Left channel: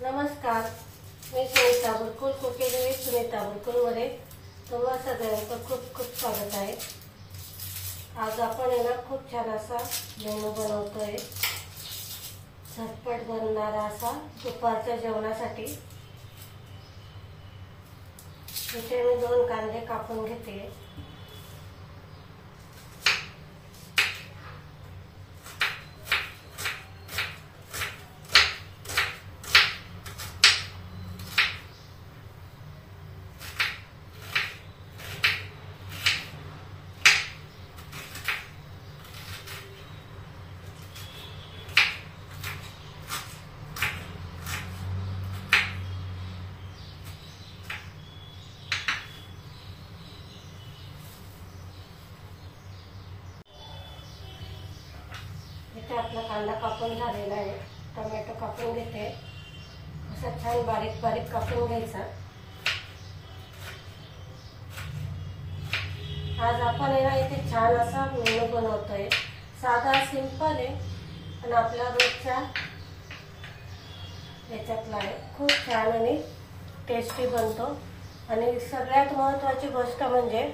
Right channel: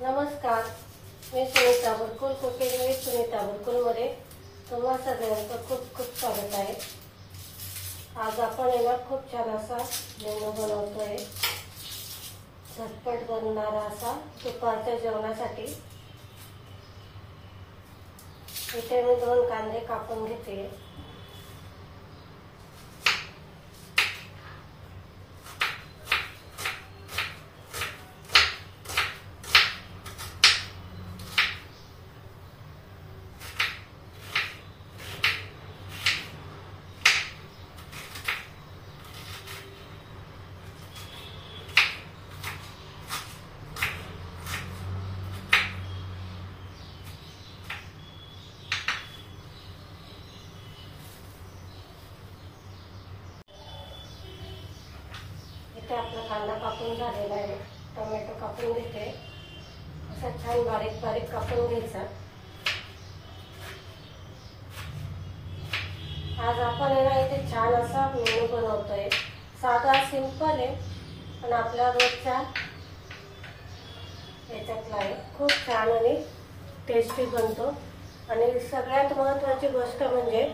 नमस्कार, मी Sunita बुरकुल cooking with Sunita बुरकुल मध्ये तुम्हा सगळ्यांचं खूप खूप स्वागत आहे। आज आपण याला खूप छान असा मेनू बनवतोय, झटपट बनणारा असा दुपारच्या जेवणासाठी। इथे मी 2 कांदे कापून घेते। इथे आपला कांदा कापून झालेला आहे। टोमॅटो कापून घेते, असा छान बारीक बारीक कापून घ्यायचा। आज आपण इथे छान असा मेनू बनवतोय। साधा सिंपल आहे, पण आपल्या रोजच्या याच्यातला आहे। खूप छान आणि टेस्टी बनतो। आणि सगळ्यात महत्त्वाची गोष्ट म्हणजे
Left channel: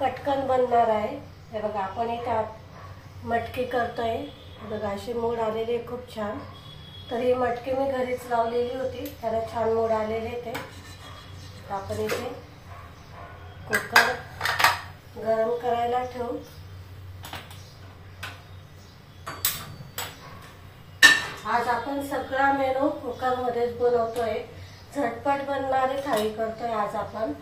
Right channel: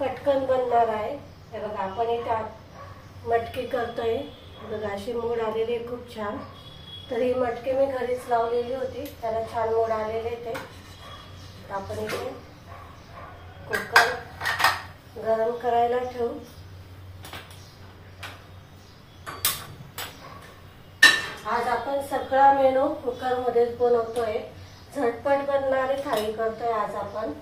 पटकन बनणार आहे। हे बघा, आपण इथे मटकी करतोय। बघा, अशी मूड आलेली खूप छान। तर ही मटकी मी घरीच लावलेली होती, त्याला छान मूड आलेले ते। आपण इथे कुकर गरम करायला ठेवू। आज आपण सगळा मेनू कुकर मध्येच बनवतोय। झटपट बनणारी थाळी करतोय आज आपण।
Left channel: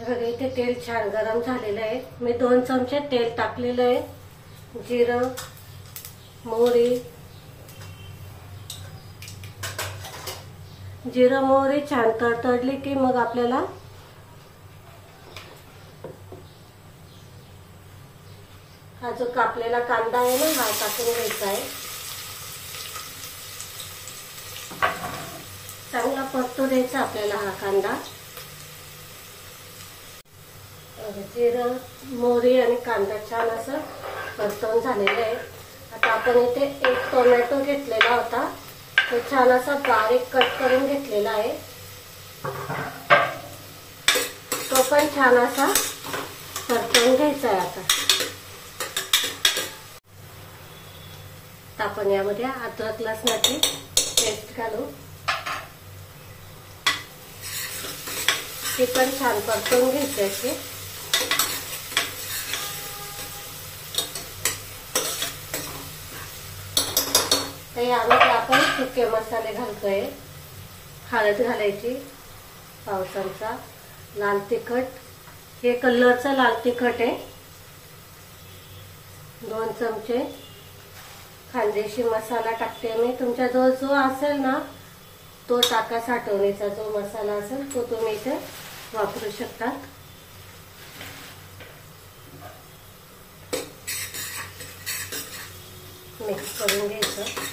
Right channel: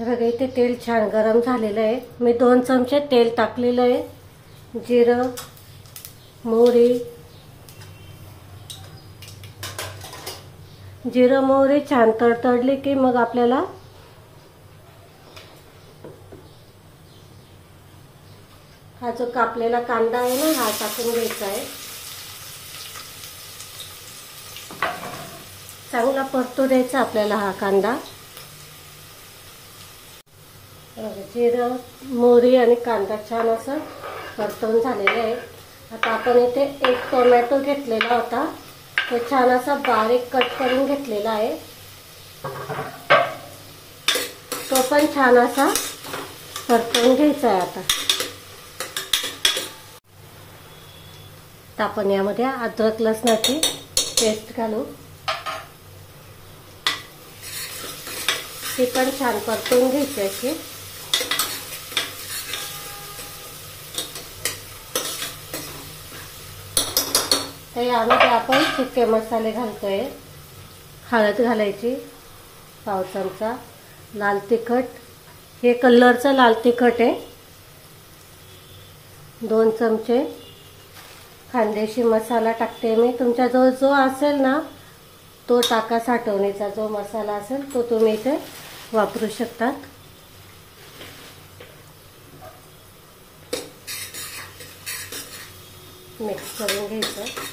बघा, इथे तेल छान गरम झालेलं आहे। मी 2 चमचे तेल टाकलेलं आहे। जिरं, मोहरी, जिरं मोहरी छान तडतडली की मग आपल्याला हा जो कापलेला कांदा आहे ना, हा टाकून घ्यायचा आहे। चांगला परतू द्यायचा आपल्याला हा कांदा। जिरं, मोहरी आणि कांदा छान असं परतून झालेले आहे। आता आपण इथे 1 टोमॅटो घेतलेला होता, तो छान असा बारीक कट करून घेतलेला आहे। तो पण छान असा परतून घ्यायचा आहे। आता आपण यामध्ये अद्रक लसणाची पेस्ट घालू, ती पण छान परतून घ्यायची अशी। यामध्ये आपण सुके मसाले घालतोय। हळद घालायची पाव चमचा, लाल तिखट, हे कलरचं लाल तिखट आहे। 2 चमचे खानदेशी मसाला टाकते मी। तुमच्याजवळ जो असेल ना तो टाका, साठवणीचा जो मसाला असेल तो तुम्ही इथे वापरू शकतात। मिक्स करून घ्यायचं।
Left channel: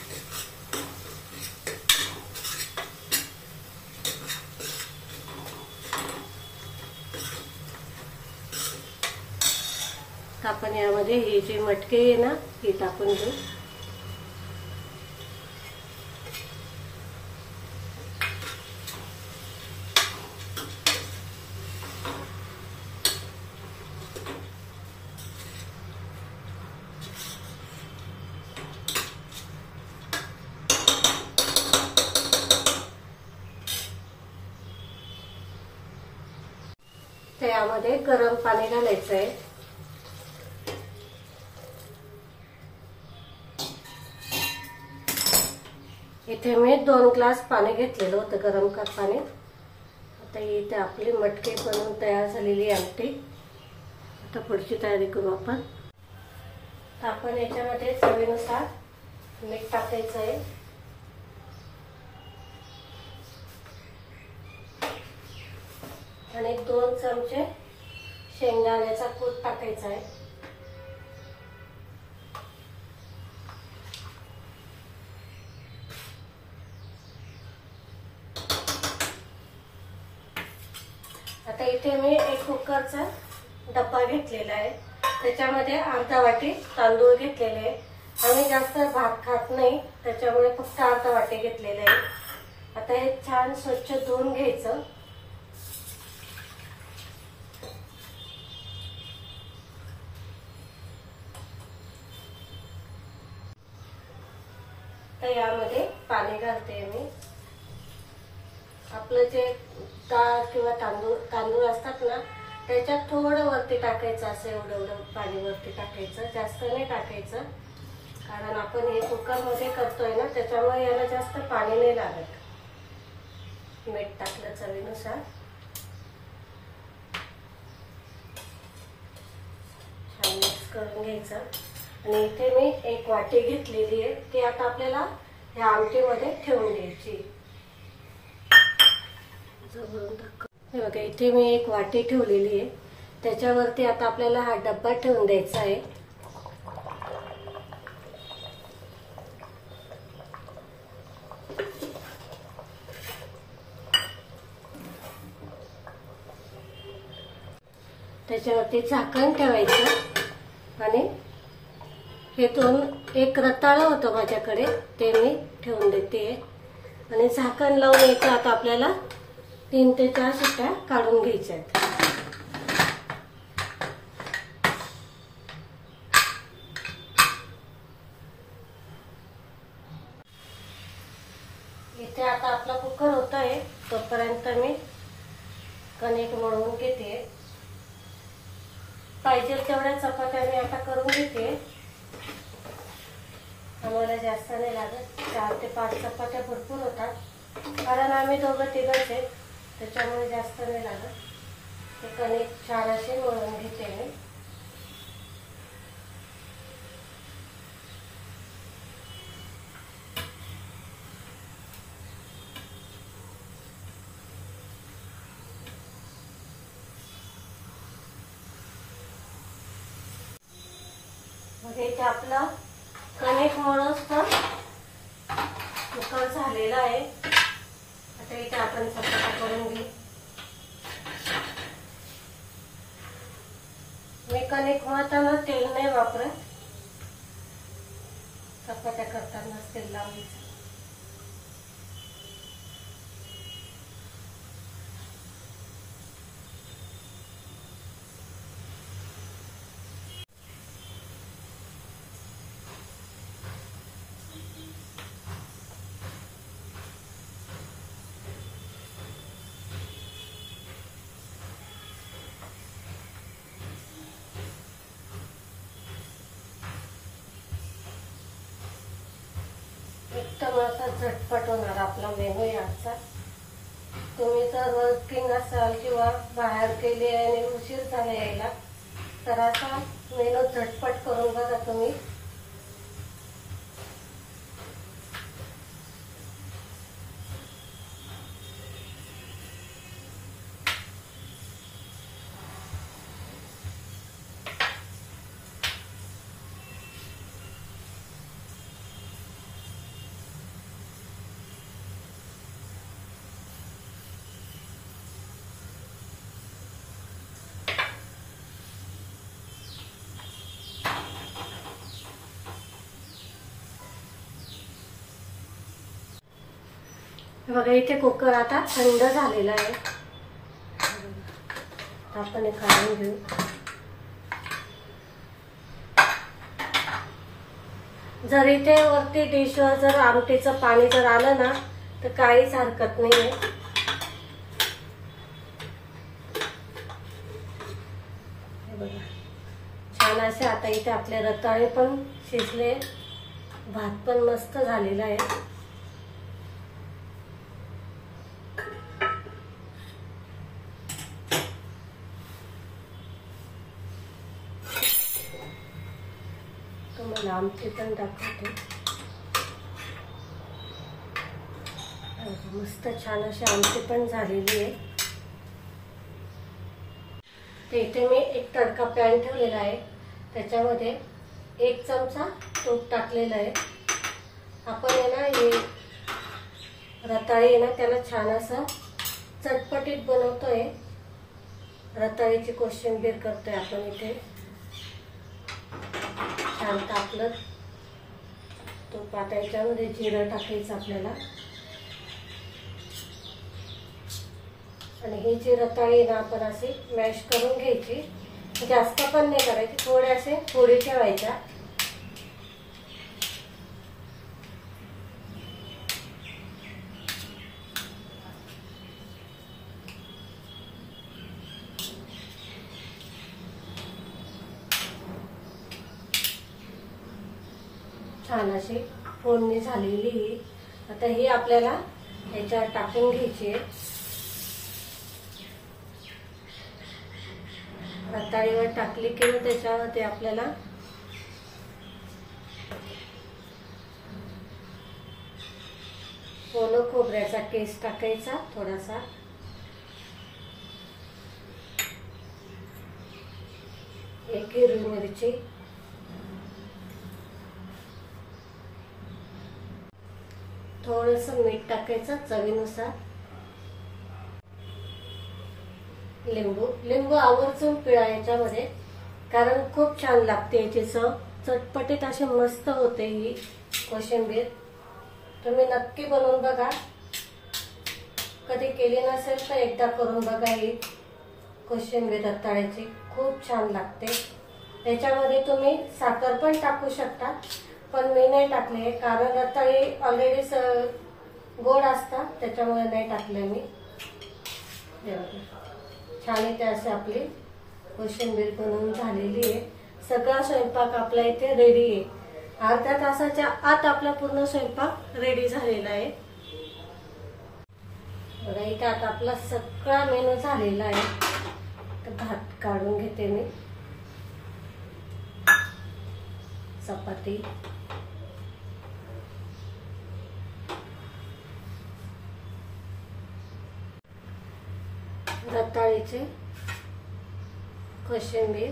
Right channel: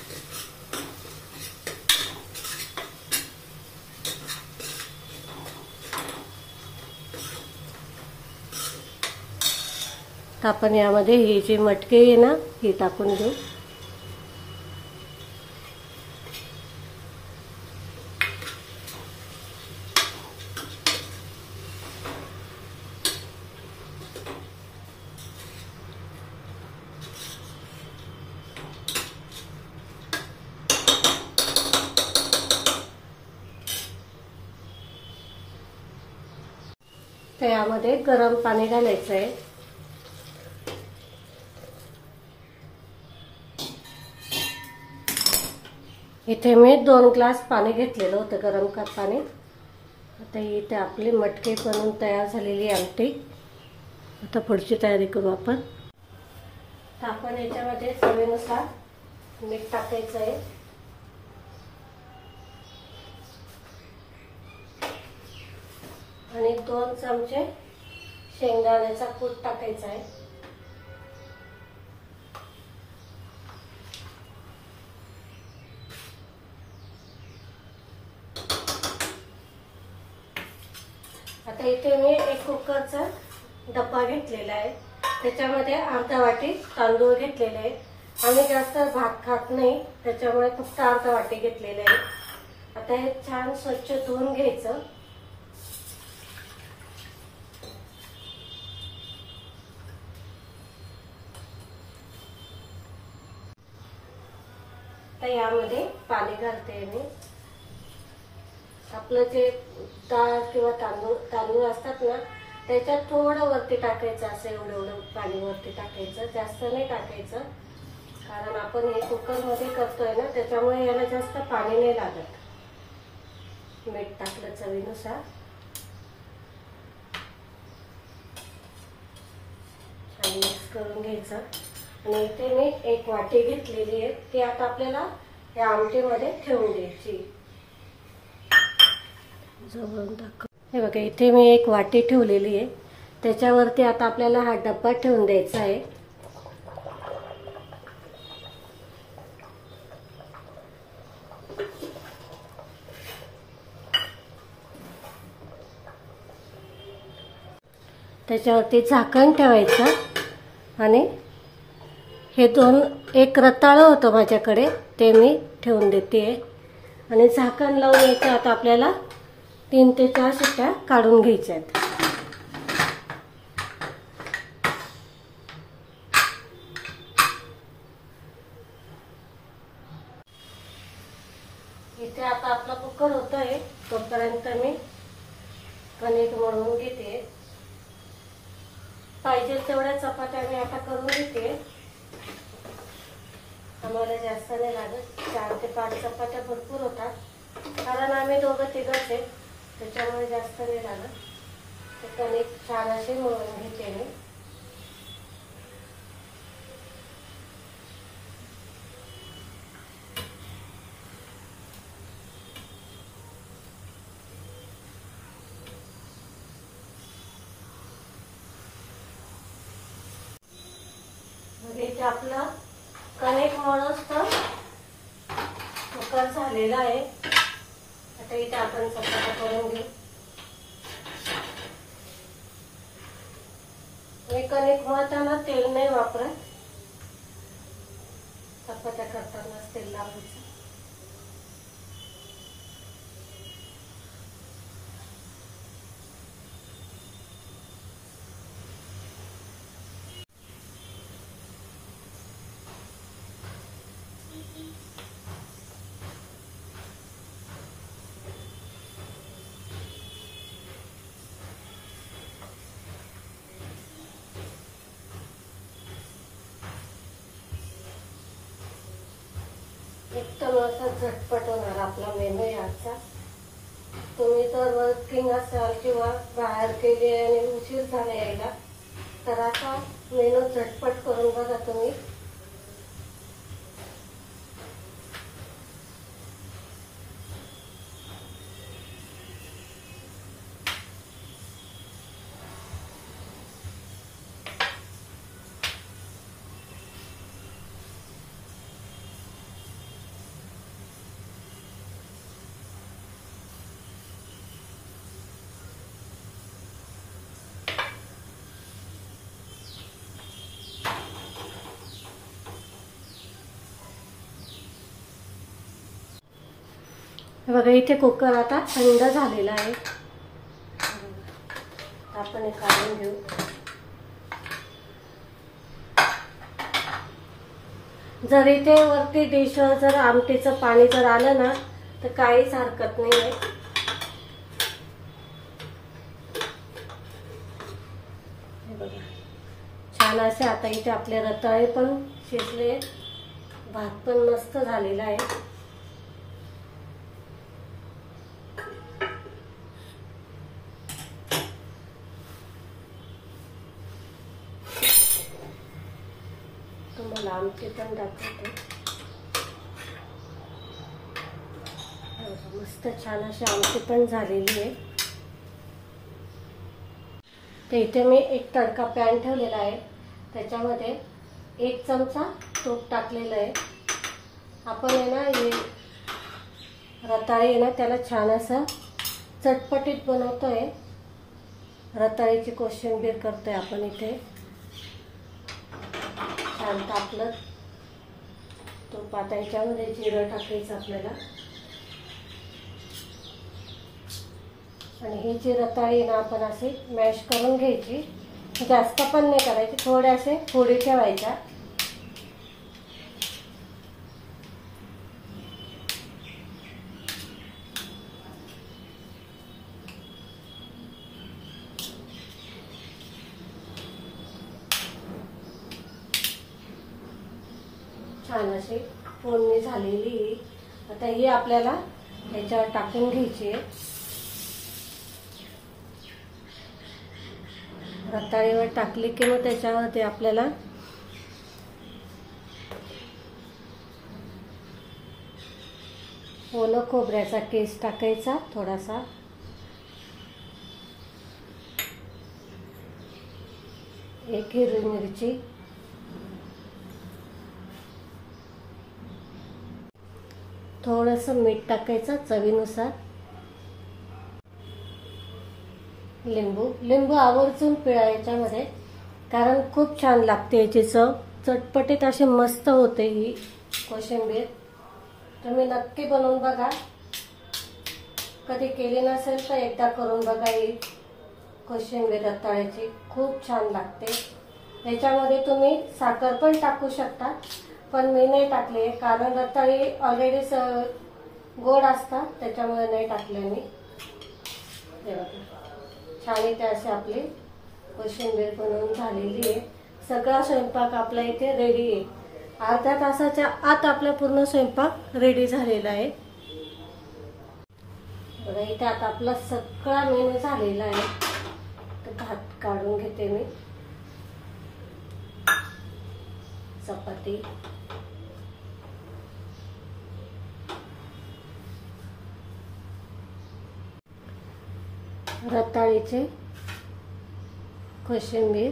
आपण यामध्ये ही जी मटकी आहे ना, ही टाकून घेऊ। तर यामध्ये गरम पाणी घालायचं आहे। इथे मी 2 ग्लास पाणी घेतलेलं होतं गरम पाणी। आता इथे आपली मटकी बनवून तयार झालेली आमटी। आता पुढची तयारी करू आपण। तर आपण याच्यामध्ये चवीनुसार मीठ टाकायचं आहे। आणि 2 चमचे शेंगदाण्याचा कूट टाकायचा आहे। आता इथे मी 1 कुकरचा डब्बा घेतलेला आहे। त्याच्यामध्ये अर्धा वाटी तांदूळ घेतलेले आहे. आम्ही जास्त भात खात नाही, त्याच्यामुळे फक्त अर्धा वाटी घेतलेले आहे. आता हे छान स्वच्छ धुवून घ्यायचं. तर यामध्ये पाणी घालते मी. आपलं जे डाळ किंवा तांदूळ असतात ना, त्याच्यात थोडं वरती टाकायचं, असं एवढं पाणी वरती टाकायचं, जास्त नाही टाकायचं. कारण आपण हे कुकर मध्ये करतोय ना, त्याच्यामुळे याला जास्त पाणी नाही लागत. मीठ टाकलं चवीनुसार. छान मिक्स करून घ्यायचं. आणि इथे मी एक वाटी घेतलेली आहे, ती आता आपल्याला या आमटीमध्ये ठेवून द्यायची. हे बघा, इथे मी एक वाटी ठेवलेली आहे. त्याच्यावरती आता आपल्याला हा डब्बा ठेवून द्यायचा आहे. त्याच्यावरती झाकण ठेवायचं. आणि हे एक रताळं होतं माझ्याकडे, ते मी ठेवून देते. आणि झाकण लावून याचं आता आपल्याला 3 ते 4 शिट्ट्या काढून घ्यायच्या आहेत. इथे आता आपला कुकर होतोय, तोपर्यंत मी कणिक मळून घेते. पाहिजे तेवढ्या चपात्या मी आता करून घेते. आम्हाला जास्त नाही लागत, 4 ते 5 चपात्या भरपूर होतात. कारण आम्ही दोघं तिघच आहेत, त्याच्यामुळे जास्त नाही लागत. ते कणिक छान असे मळून घेते मी. इथे आपलं कणिक मळून कुकर झालेला आहे. आता इथे आपण चपात्या करून घेऊ. मी कणिक मळताना तेल नाही वापरत, चपात्या करताना तेल लावायचं. एकदम असा झटपट होणार आपला मेनू याचा. तुम्ही जर वर्किंग असाल किंवा बाहेर गेले आणि उशीर झाला यायला, तर असा मेनू झटपट करून बघा तुम्ही. बघा, इथे कुकर आता थंड झालेला आहे. आपण हे काढून घेऊ. जर इथे वरती डिशवर जर आमटीचं पाणी जर आलं ना, तर काहीच हरकत नाहीये. छान असे आता इथे आपले रताळे पण शिजले, भात पण मस्त झालेला आहे. तुम्हाला आमटी पण दाखवते. मस्त छान अशी आमटी पण झालेली आहे. तर इथे मी एक तडका पॅन ठेवलेला आहे. त्याच्यामध्ये 1 चमचा तूप टाकलेलं आहे. आपण आहे ना, हे रताळे आहे ना, त्याला छान असं चटपटीत बनवतोय. रताळ्याची कोशिंबीर करतोय आपण इथे. छान तापलं. तूप आता याच्यामध्ये जिरं टाकायचं आपल्याला. आणि ही जी रताळी ना आपण असे मॅश करून घ्यायची. जास्त पण नाही करायची, थोडे असे फोडी ठेवायच्या. छान अशी फोडणी झालेली. आता ही आपल्याला याच्यावर टाकून घ्यायची. रताळीवर टाकली की मग त्याच्यावरती आपल्याला ओलं खोबऱ्याचा केस टाकायचा थोडासा. एक हिरवी मिरची, थोडस मीठ टाकायचं चवीनुसार. लिंबू आवर्जून पिळा याच्यामध्ये, कारण खूप छान लागते याची चव. चटपटीत अशी मस्त होते ही कोशिंबीर. तुम्ही नक्की बनवून बघा. कधी केली नसेल तर एकदा करून बघा. ही कोशिंबीर रताळ्याची खूप छान लागते. याच्यामध्ये तुम्ही साखर पण टाकू शकता, पण मी नाही टाकले कारण रताळी ऑलरेडी गोड असतात, त्याच्यामुळे नाही टाकले मी. छान इथे असे आपली कोशिंबीर बनवून झालेली आहे. सगळा स्वयंपाक आपला इथे रेडी आहे. अर्ध्या तासाच्या आत आपला पूर्ण स्वयंपाक रेडी झालेला आहे. बघा इथे आता आपला सगळा मेनू झालेला आहे. तर भात काढून घेते मी. चपाती, रताळीचे कोशिंबीर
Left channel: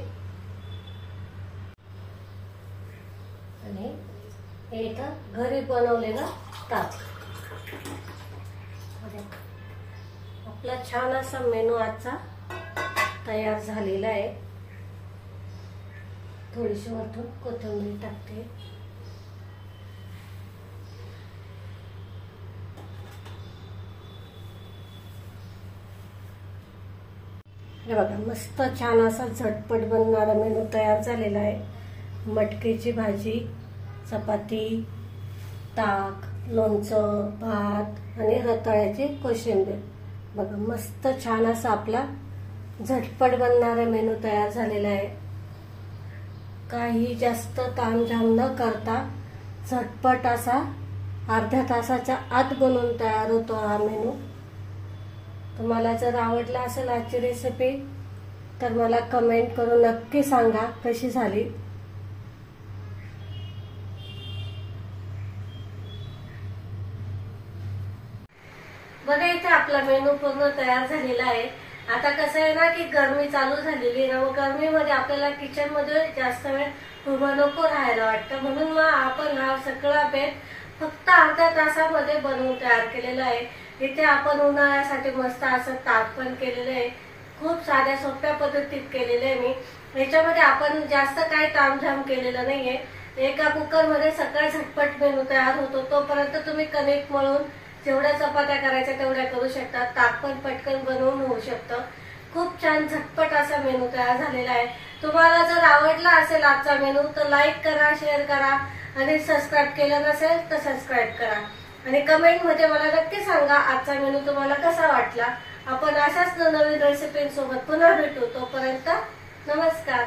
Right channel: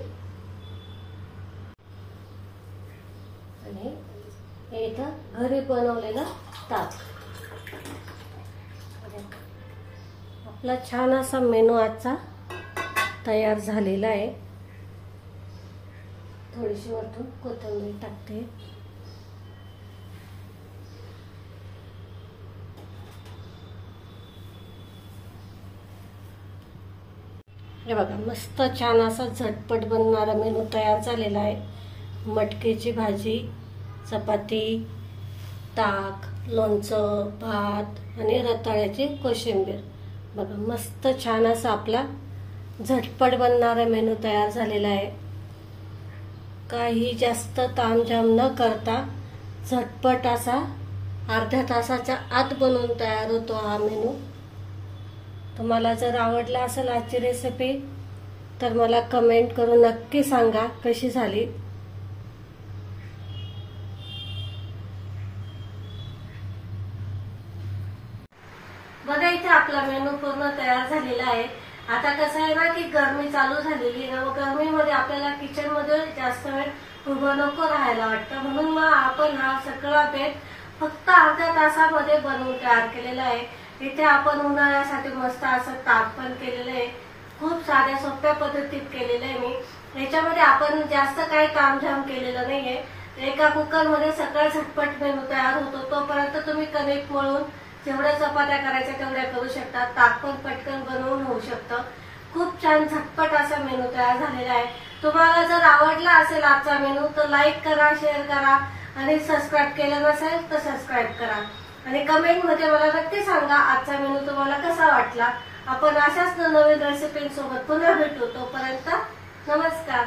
आणि इथं घरी बनवलेलं ताक. आपला छान असा मेनू आजचा तयार झालेला आहे. थोडीशी वरतून कोथिंबीर टाकते. हे बघा मस्त छान असा झटपट बनणारा मेनू तयार झालेला आहे. मटकीची भाजी, चपाती, ताक, लोणचं, भात आणि रताळ्याची कोशिंबीर. बघा मस्त छान असा आपला झटपट बनणारा मेनू तयार झालेला आहे. काही जास्त तामझाम न करता झटपट असा अर्ध्या तासाच्या आत बनवून तयार होतो हा मेनू. तुम्हाला जर आवडला असेल आजची रेसिपी तर मला कमेंट करून नक्की सांगा कशी झाली. बघा इथे आपला मेनू पूर्ण तयार झालेला आहे. आता कसं आहे ना की गरमी चालू झालेली आहे ना, मग गरमीमध्ये आपल्याला किचन मध्ये जास्त वेळ उभं नको राहायला वाटतं, म्हणून मग आपण हा सगळा बेत फक्त अर्ध्या तासामध्ये बनवून तयार केलेला आहे. इथे आपण उन्हाळ्यासाठी मस्त असं ताक पण केलेलं आहे. खूप साध्या सोप्या पद्धतीत केलेलं आहे मी. याच्यामध्ये आपण जास्त काही तामझाम केलेलं नाहीये. एका कुकर मध्ये सगळं झटपट मेनू तयार होतो. तोपर्यंत तुम्ही कणिक मळून जेवढ्या चपात्या करायच्या तेवढ्या करू शकता. ताक पण पटकन बनवून होऊ शकतं. खूप छान झटपट असा मेनू तयार झालेला आहे. तुम्हाला जर आवडला असेल आजचा मेनू तर लाईक करा, शेअर करा आणि सबस्क्राईब केलं नसेल तर सबस्क्राईब करा. आणि कमेंट मध्ये मला नक्की सांगा आजचा मेनू तुम्हाला कसा वाटला. आपण अशाच नवीन रेसिपींसोबत पुन्हा भेटू. तोपर्यंत नमस्कार.